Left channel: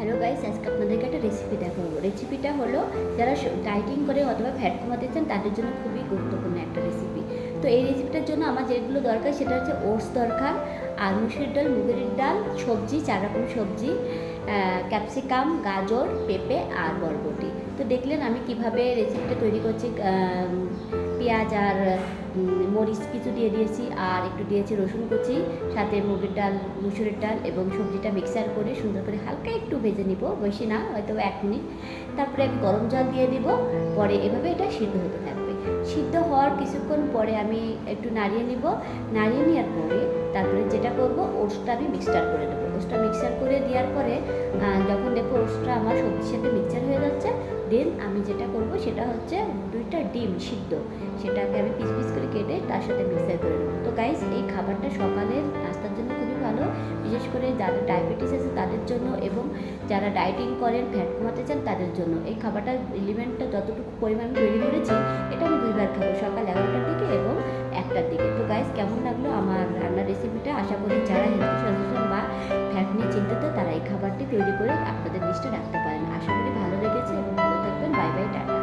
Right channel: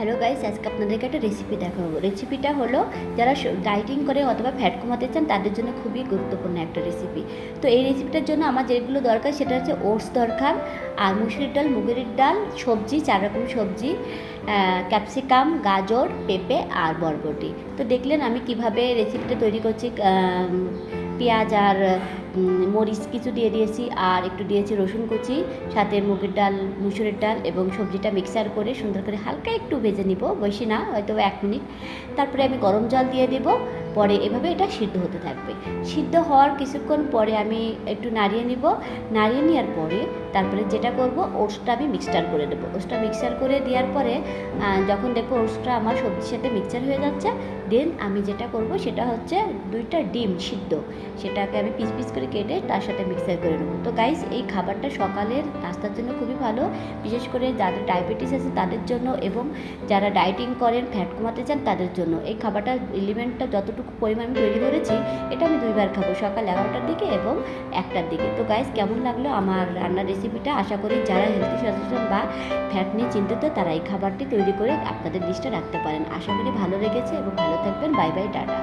Hello guys, আজকে আপনাদেরকে একটা রেসিপি দেখাবো। রেসিপিটা হলো যারা ডায়েটিং করে অথবা ফ্যাট কমাতে চান, তাদের জন্য খুবই গুরুত্বপূর্ণ একটা রেসিপি তো এই রেসিপিটার জন্য আমার যেগুলো দরকার সেটা হচ্ছে ওটস দরকার আর মুসুরির ডাল, মুগের ডাল, সবজি, চার রকম সবজি ক্যাপসিকাম, গাজর, পেঁপে আর বরবটি। তো দেখলেন আমি কীভাবে রেসিপিটা তৈরি করছি পেঁয়াজ আর মরিচ কিছু দিয়ে দিয়েছি আর একটু দিয়েছি রসুন কুচি, সাথে মুগের ডাল মুসুরের ডাল এবং সবজিটা মিক্সার করে সুন্দর করে হালকা একটু ভেজে নিব বেশি না, হয়তো এক মিনিট। তারপরে আমি গরম জল দিয়ে দিব পরে এভাবে এটা সিদ্ধ হতে থাকবে। সিদ্ধ হওয়ার কিছুক্ষণ পরে আমি একটু নাড়িয়ে নিব। নাড়িয়ে নেওয়ার পরে তারপরে যেটা করব, ওটসটা আমি মিক্সচার করে দেবো। ওটসটা মিক্সচার করে দেওয়ার পরে যখন দেখব ওটসটা আমার সবজির সাথে মিক্সচার হয়ে যাচ্ছে দেন আমি যেটা করব সেটা হচ্ছে দুইটা ডিম সিদ্ধ। সেটাকে আমি পিস পিস করে কেটে তার সাথে মিক্সার করে নেব। তো গাইস এই খাবারটা সকালের নাস্তার জন্য খুবই ভালো। বিশেষ করে যাদের ডায়াবেটিস আছে তাদের জন্য এবং যারা ডায়েটিং করেন ফ্যাট কমাতে চান তাদের জন্য। এই খাবারটা এলিমেন্টটা যতটুকু পরিমাণ আমি তৈরি করেছি, এটা আমি দুইবার খাব সকাল এগারোটার দিকে এবং একটার দিকে। তো গাইজ কেমন লাগল আমার রান্নার রেসিপিটা আশা করি যারা হেলথ সচেতন বা ফ্যাট নিয়ে চিন্তিত, তারা এই খাবারটি তৈরি করে আপনাদের লিস্টে রাখতে পারেন। আশা করি ভালো লেগেছে এবং ভালো থাকবেন। Bye bye tata.